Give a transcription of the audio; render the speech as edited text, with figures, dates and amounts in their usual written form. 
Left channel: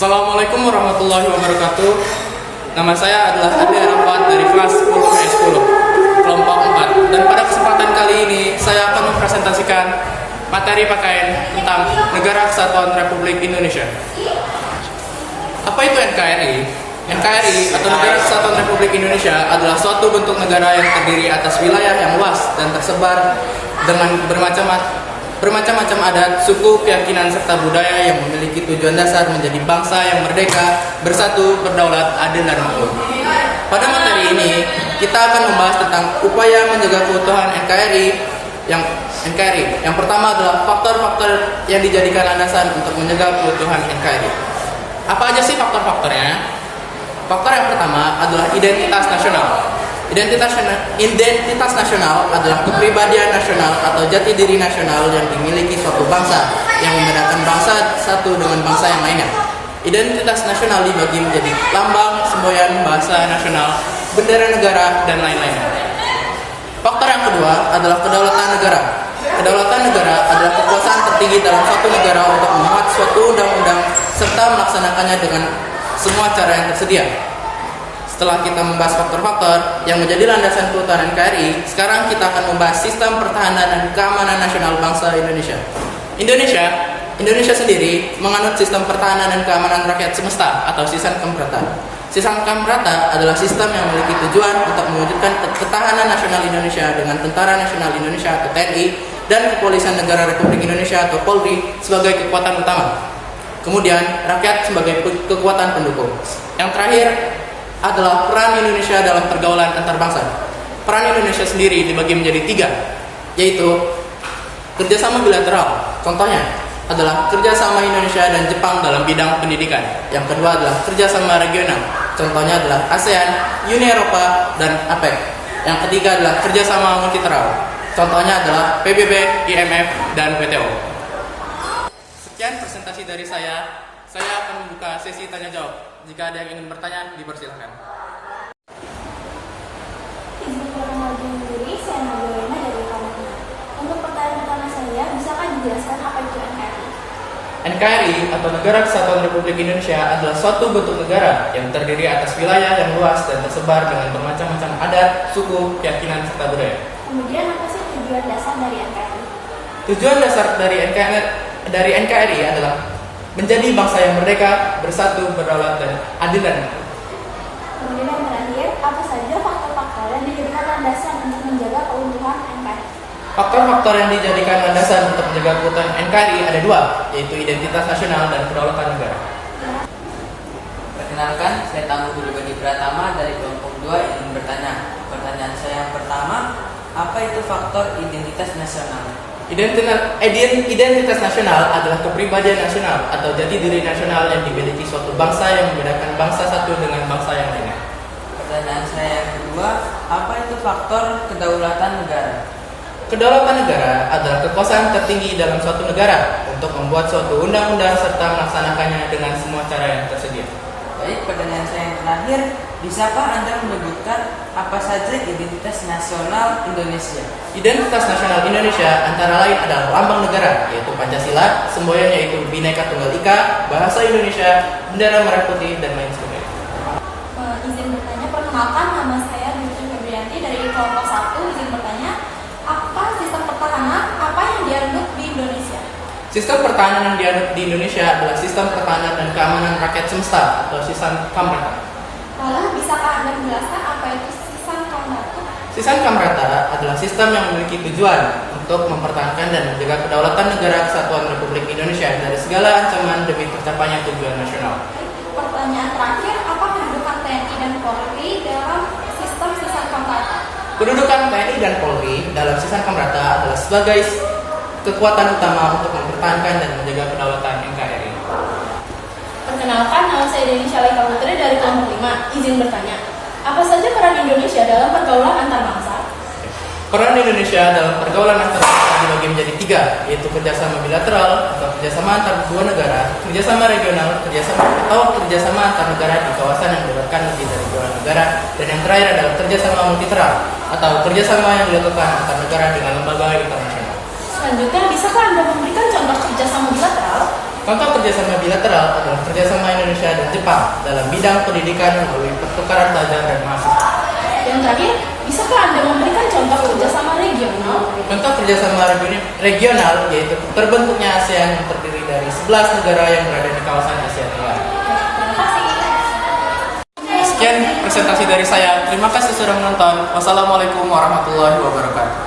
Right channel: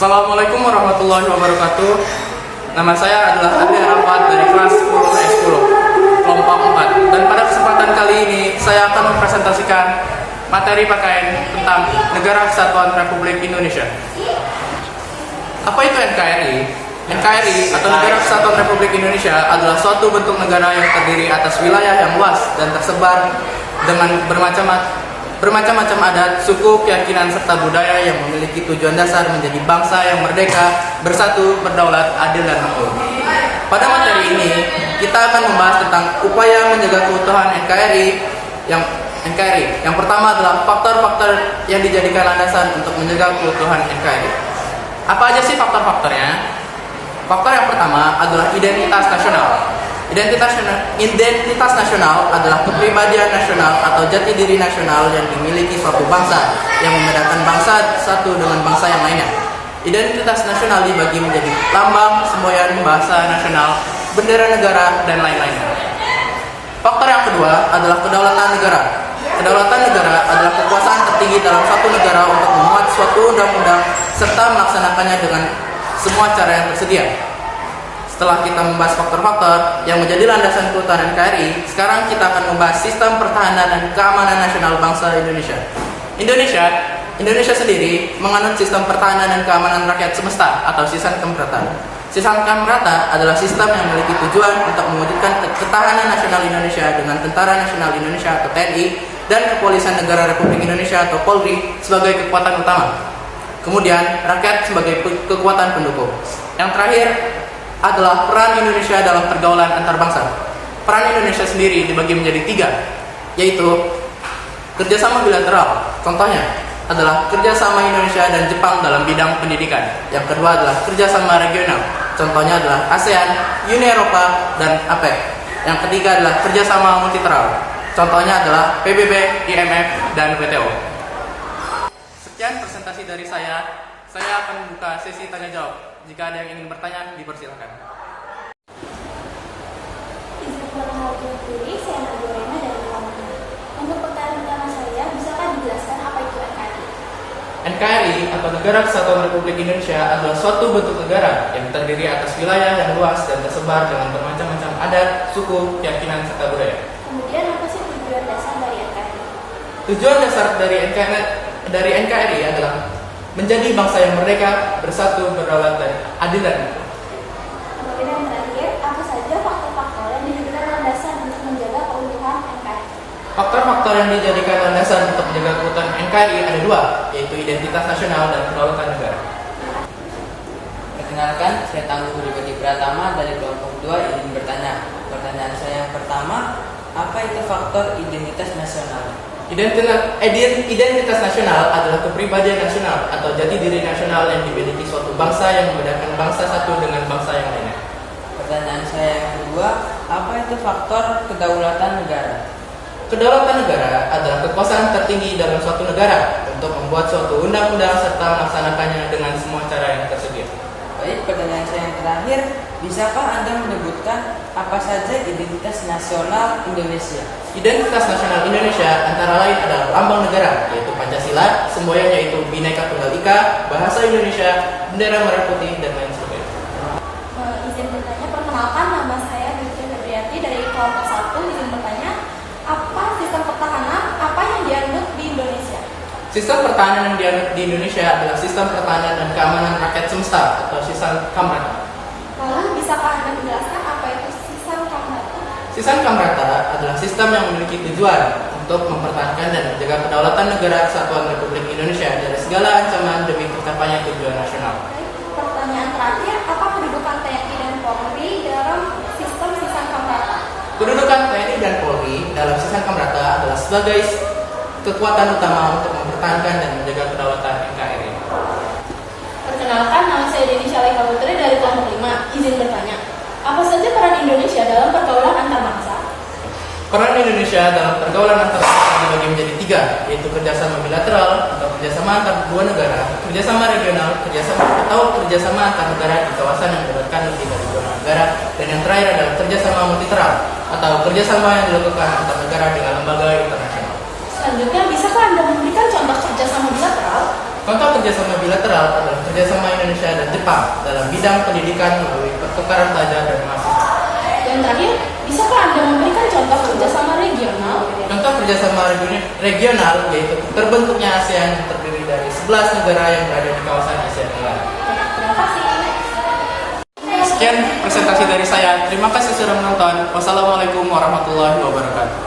Assalamualaikum warahmatullahi wabarakatuh. Nama saya adalah Adi Arafat dari kelas 10 S10, kelompok 4. Dan pada kesempatan kali ini, saya akan mempresentasikan materi pakaian tentang Negara Kesatuan Republik Indonesia. Apa itu NKRI? NKRI atau Negara Kesatuan Republik Indonesia adalah suatu bentuk negara yang terdiri atas wilayah yang luas dan tersebar dengan bermacam-macam adat, suku, keyakinan, serta budaya yang memiliki tujuan dasar menjadi bangsa yang merdeka, bersatu, berdaulat, adil, dan makmur. Pada materi ini, kita akan membahas tentang upaya menjaga keutuhan NKRI. Yang pertama adalah faktor-faktor yang dijadikan landasan untuk menjaga keutuhan NKRI. Apa aja sih faktor-faktornya? Faktor yang pertama adalah identitas nasional. Identitas nasional adalah kepribadian nasional atau jati diri nasional yang dimiliki suatu bangsa yang membedakan bangsa satu dengan bangsa yang lainnya. Identitas nasional dibagi menjadi lambang, semboyan, bahasa nasional, bendera negara, dan lain-lainnya. Faktor yang kedua adalah kedaulatan negara. Kedaulatan negara adalah kekuasaan tertinggi dalam suatu negara untuk membuat suatu undang-undang serta melaksanakannya dengan semua cara yang tersedia. Setelah kita membahas faktor-faktor yang menjadi landasan keutuhan NKRI, sekarang kita akan membahas sistem pertahanan dan keamanan nasional bangsa Indonesia. Indonesia sendiri menganut sistem pertahanan dan keamanan rakyat semesta atau Sistem Kamprata. Sistem Kamprata adalah sistem yang memiliki tujuan untuk mewujudkan ketahanan nasional Indonesia dengan Tentara Nasional Indonesia atau TNI dan Kepolisian Negara Republik Indonesia atau Polri sebagai kekuatan utama. Kemudian rakyat sebagai kekuatan pendukung. Yang terakhir adalah peran Indonesia dalam pergaulan antar bangsa. Peran Indonesia sendiri dibagi menjadi 3, yaitu kerjasama bilateral. Contohnya adalah kerjasama Indonesia dan Jepang dalam bidang pendidikan. Yang kedua adalah kerjasama regional. Contohnya adalah ASEAN, Uni Eropa, dan APEC. Yang ketiga adalah kerjasama multilateral. Contohnya adalah PBB, IMF, dan WTO. Sekian presentasi dari saya akan membuka sesi tanya jawab. Jika ada yang ingin bertanya, dipersilakan. Izin perkenalkan diri, saya Nagorena dari kelompok 6. Untuk pertanyaan pertama saya, bisakah dijelaskan apa itu NKRI? NKRI atau Negara Kesatuan Republik Indonesia adalah suatu bentuk negara yang terdiri atas wilayah yang luas dan tersebar dengan bermacam-macam adat, suku, keyakinan, serta budaya. Kemudian apa sih tujuan dasar dari NKRI? Tujuan dasar dari NKRI adalah menjadi bangsa yang merdeka, bersatu, berdaulat, dan adil dan makmur. Kemudian yang terakhir, apa saja faktor-faktor yang dijadikan landasan untuk menjaga keutuhan NKRI? Faktor-faktor yang dijadikan landasan untuk menjaga keutuhan NKRI ada 2, yaitu identitas nasional dan kedaulatan negara. Perkenalkan, saya Tangguh Budi Pratama dari kelompok 2 ingin bertanya. Pertanyaan saya yang pertama, apa itu faktor identitas nasional? Identitas nasional adalah kepribadian nasional atau jati diri nasional yang dimiliki suatu bangsa yang membedakan bangsa satu dengan bangsa yang lainnya. Pertanyaan saya yang kedua, apa itu faktor kedaulatan negara? Kedaulatan negara adalah kekuasaan tertinggi dalam suatu negara untuk membuat suatu undang-undang serta melaksanakannya dengan semua cara yang tersedia. Baik, pertanyaan saya yang terakhir, bisakah Anda menyebutkan apa saja identitas nasional Indonesia? Identitas nasional Indonesia antara lain adalah lambang negara, yaitu Pancasila, semboyan yaitu Bhinneka Tunggal Ika, bahasa Indonesia, bendera merah putih, dan lain sebagainya. Izin bertanya, perkenalkan nama saya Dwi Febrianti dari kelompok 1. Izin bertanya, apa sistem pertahanan apa yang dianut di Indonesia? Sistem pertahanan yang dianut di Indonesia adalah sistem pertahanan dan keamanan rakyat semesta atau Sistem Kamprata. Lalu bisakah Anda menjelaskan apa itu Sistem Kamprata? Sistem Kamprata adalah sistem yang memiliki tujuan untuk mempertahankan dan menjaga kedaulatan negara Kesatuan Republik Indonesia dari segala ancaman demi tercapainya tujuan nasional. Pertanyaan terakhir, apa kedudukan TNI dan Polri dalam sistem Kamprata? Kedudukan TNI dan Polri dalam Sistem Kamprata adalah sebagai kekuatan utama untuk mempertahankan dan menjaga kedaulatan NKRI. Perkenalkan, nama saya Denisha Laika Putri dari kelompok 5. Izin bertanya, apa saja peran Indonesia dalam pergaulan antar bangsa? Peran Indonesia dalam pergaulan antar bangsa dibagi menjadi 3, yaitu kerjasama bilateral atau kerjasama antar dua negara, kerjasama regional, kerjasama antar negara di kawasan yang melibatkan lebih dari 2 negara, dan yang terakhir adalah kerjasama multilateral atau kerjasama yang dilakukan antar negara dengan lembaga internasional. Selanjutnya, bisakah Anda memberikan contoh kerjasama bilateral? Contoh kerjasama bilateral adalah kerjasama Indonesia dan Jepang dalam bidang pendidikan melalui pertukaran pelajar dan mahasiswa. Yang terakhir, bisakah Anda memberikan contoh kerjasama regional? Contoh kerjasama regional yaitu terbentuknya ASEAN yang terdiri dari 11 negara yang berada di kawasan Asia Tenggara. Terima kasih. Sekian presentasi dari saya. Terima kasih sudah menonton. Wassalamualaikum warahmatullahi wabarakatuh.